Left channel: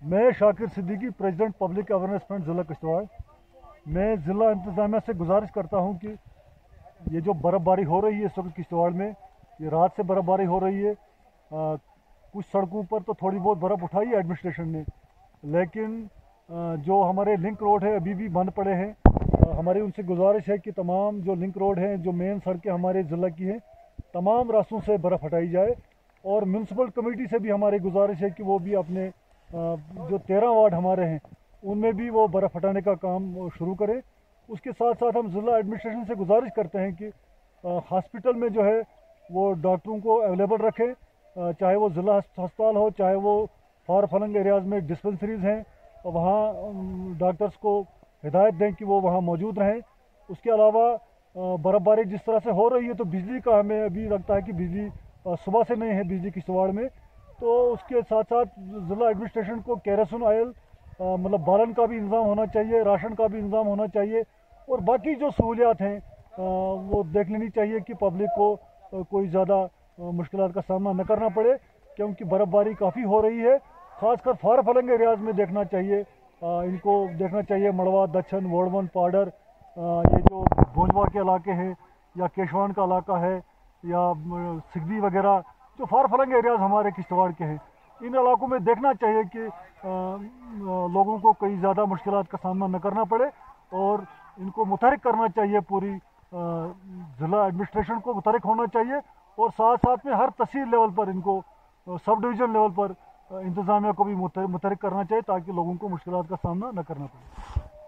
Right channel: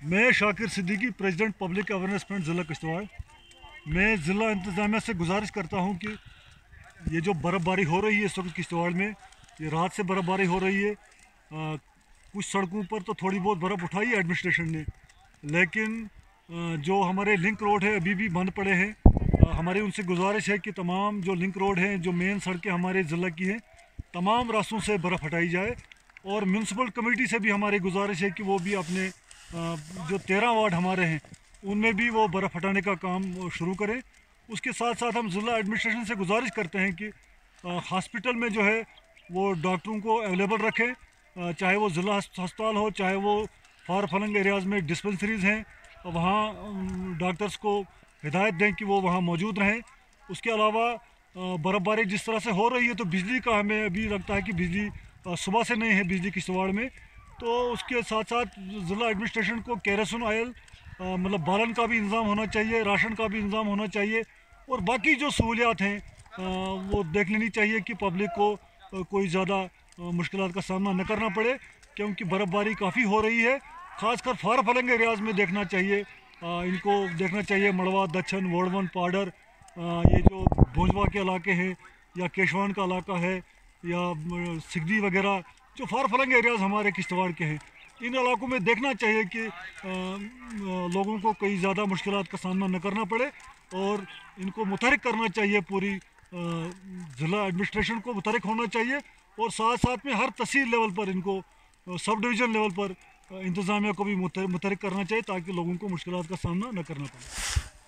मैं Shakir Siddiqui, president public awareness front ज़िला किश्तवाड़। मैं ज़िला इंतज़ामिया से गुजारिश करता हूँ कि ये जो बर्फ़बारी हो रही है इस वक्त किश्तवाड़ में, ये रात से बर्फ़बारी हो रही है। कुछ सड़कों पर तो थोड़ी बहुत बर्फ़ उठाई है एडमिनिस्ट्रेशन ने, लेकिन जो हमारे लिंक रोड है अभी भी बंद पड़े हैं। हमारी उनसे गुजारिश है कि तमाम जो लिंक रोड हैं, जो मेन सड़कें हमारे ज़िला की हैं, तमाम रास्तों से बर्फ़ हटाई जाए। और म्यूनसिपल कमेटी से भी हमारी गुजारिश है कि वो भी अपने जो 13 वार्ड हमारे हैं उनमें भी वो बर्फ़ हटाने का काम शुरू करें। उसके साथ साथ हम ज़िला एडमिनिस्ट्रेशन से गुजारिश करते हैं कि हॉस्पिटल में जो है वो डॉक्टरों को अवेलेबल रखें, चाहे वो ज़िला अस्पताल हो, चाहे वो फार फलंग एरियाज़ में डिस्पेंसरीज़ हैं, वहाँ डॉक्टर्स को हिदायत दें कि वो वहाँ मौजूद रहें। उसके अलावा बर्फ़बारी जिस तरह से हो रही है तो बिजली का हमें अभी लगता है कि बिजली सुबह से नहीं है बिजली किश्तवाड़ में। तो उसके साथ साथ ज़िला एडमिनिस्ट्रेशन को केरोसिन ऑयल मतलब बालन का भी इंतज़ाम होना चाहिए, राशन का भी इंतज़ाम होना चाहिए, और बाकी जो सहूलियात हैं वो देख लेनी चाहिए कि पब्लिक को कोई ज़्यादा मुश्किलात का सामना न करना पड़े, क्योंकि बर्फ़बारी काफ़ी हो रही है। ख़ासकर फार फलंग एरियाज़ में देखना चाहिए, इनको देखना चाहिए। मड़वा, दच्छन, वोड़वन, पाडर, ये जो भोजवा के इलाके हैं या केशवान का इलाका है या सिगदी वगैरह, जो फार फलंग एरियाज़ हमारे किश्तवाड़ के हैं, इन इलाकों में देखना चाहिए कि लोगों को कई ज़्यादा मुश्किलात का सामना न करना पड़े, और इनको मुतहरिक करना चाहिए। पूरी ज़िला एडमिनिस्ट्रेशन को मुतहरिक होना चाहिए, और साथ साथ में हर तहसील लेवल पर इनको सब डिवीज़न लेवल पर इंतज़ामिया को भी मुतहरिक करना चाहिए, ताकि लोगों को मुश्किलात का सामना न करना पड़े।